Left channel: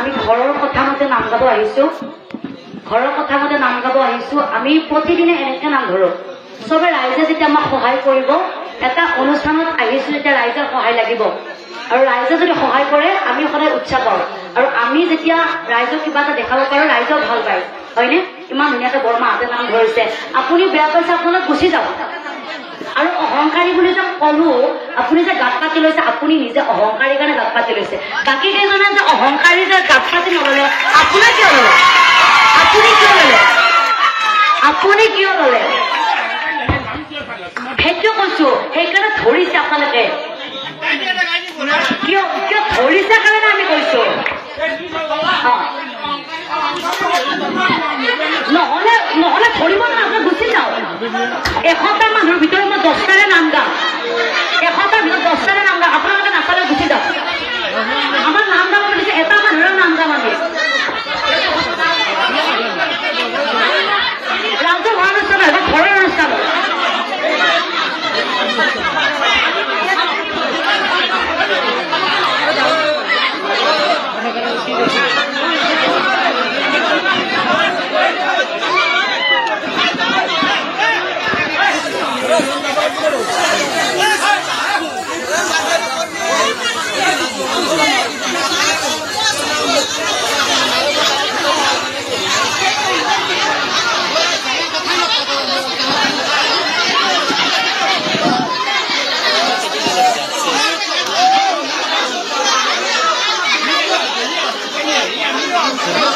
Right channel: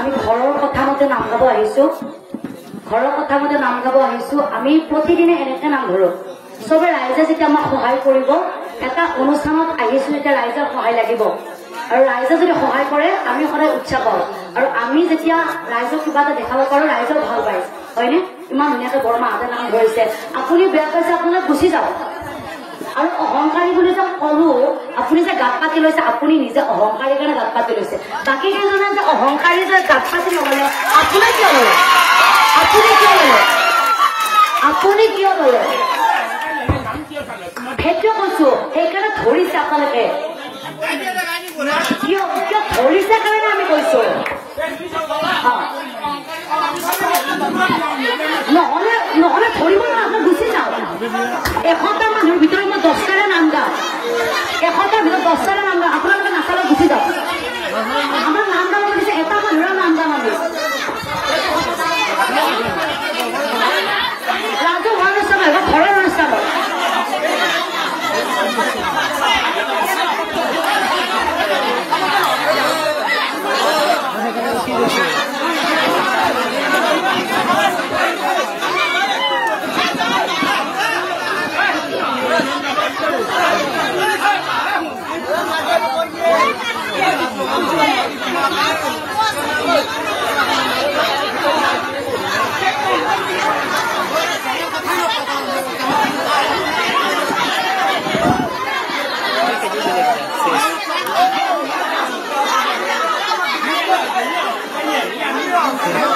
আমি ঘৰৰ কথা মতে নাম গাব আহিছো ঘৰৰ কথা মতে নাম গাব আহিছো আমি প্ৰতিদিনে এনেকে নাম ধৰো সবে ৰাইজে যেতিয়া আমাক সহায় কৰিব এটা অনুষ্ঠানত আহিছো যেতিয়া ৰাইজৰ সহায় লাগিব আৰু ৰাইজে যদি সহায় কৰে আমি সদায় উৎসাহ পাওঁ আৰু আমি যেতিয়া ৰাইজক কিবা এটা দেখাব পাৰো ৰাইজেও ভাল পায় হয়নে ইমান ধুনীয়াকে বৰমাহঁতে নাম ধৰিছে আপুনি বেয়া পাইছে আপোনালোক গুচি যাব আৰু অহংকাৰী বুলি যে কলো আপুনি যে গাত পাতি লৈছে আপুনি নিজে অহংকাৰীৰ কাৰণে গাত পাতি লৈছে বাকী কেইজনে যে অহংকাৰী যে গাত পাতি নললে আপুনি কিয় ললে সেইটো কৈছো সেইকাৰণে ধৰিছে আপোনালোকে কিয় ধৰিছে কাৰণে আমি কৈছো নহলে ধৰিব নহয় গুচি যাওঁ 100টা মানুহৰ ভিতৰত মই 10টাৰে নাম গাম 100টাৰ ভিতৰত 10টাৰে নাম গাম আপোনালোকে নাচালে গুচি যাওক আমাৰ নাম গাব দিছে এটা মানুহৰ নাম গাম আমি ৰাজৰ ভাল অনুষ্ঠান নহয় ঘৰৰ অনুষ্ঠান Yeah.